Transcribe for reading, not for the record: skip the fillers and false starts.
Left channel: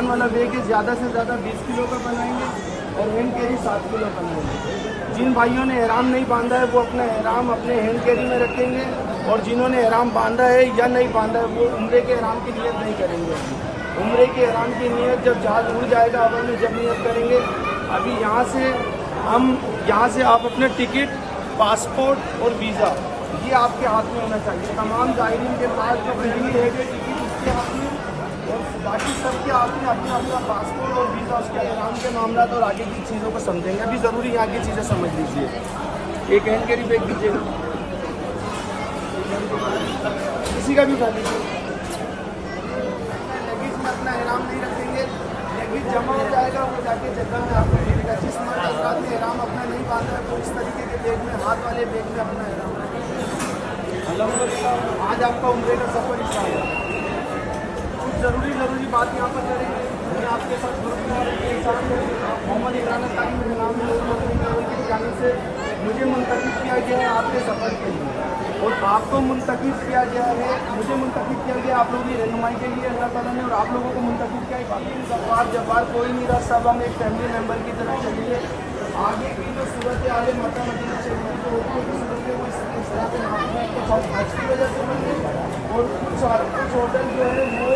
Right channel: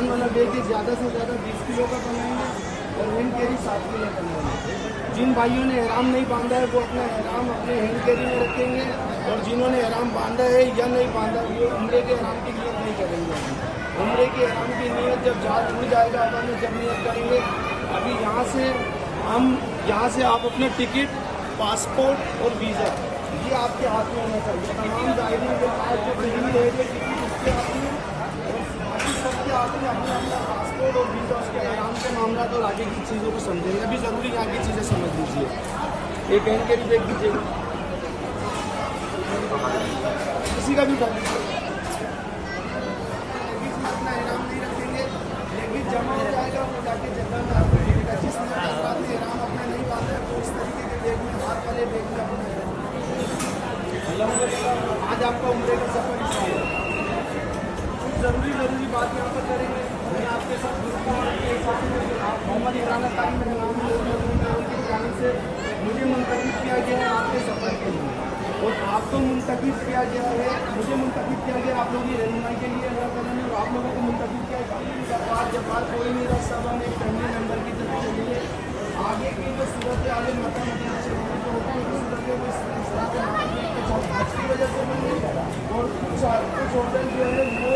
कान वाला बैग ज़्यादा से ज़्यादा 20 किलो का बनाएंगे और हैंड कैरी 7 किलो बनाएंगे। जिन भाइयों ने एहराम नहीं बांधा है वो अपना एहराम अपने हैंड कैरी में रखेंगे, और जिन्होंने एहराम बांधा है या नहीं बांधा है वो उम्रे के एहराम की नियत नहीं करेंगे। उम्रे के एहराम की नियत जब जहाज उड़ जाएगा हवा में जब नियत करेंगे। अभी यहाँ से आप अपने टिकट, पासपोर्ट और वीज़ा ये आपके हाथ में होना चाहिए। तमाम जायरीन के पास जो पहली है टिकट इसके हाथ में, और बाकी सबके हाथ में अपना अपना पासपोर्ट और वीज़ा, उसका एहराम के मामला और आगे की चीज़ों को समझेंगे। अभी ज़रूरी यहाँ की चीज़ें समझ लीजिए। एक हैंड कैरी बैग दीजिएगा, किसी का भी जा लीजिए। लगेज में अपना एहराम नहीं रखेंगे, लगेज जमा हो जाएगा, वो जाके जगह में आपको देगा। जिस में एहराम अपना नहीं बांधा है वो इस तरीके के बैग में, हाथ वाले बैग में अपना एहराम। आज आपका उम्रे का सफर स्टार्ट है। कुछ ज़रूरी बात यहाँ पर करेंगे। मैं आपके साथ मोहम्मद इमरान तारीम मेरे नाम में लोगों की जाने से मुझे मुंतखब किया गया है आपके सफ़र के लिए, और आपको मुंतखब किया गया है, मुझे मुंतखब किया गया आप लोगों की रहनुमाई के लिए अल्लाह ताला ने, और आप लोगों को मुंतखब किया है। जब्बार कोई नहीं रहा, सब हम एक फैमिली मेम्बर की तरह चलिए। आगे की जो सूरत आगे मक्का मदीना चलने जो होती है सूरत है वो इस तरह के नाम की वजह से बनी, और कुछ होटल जो है वो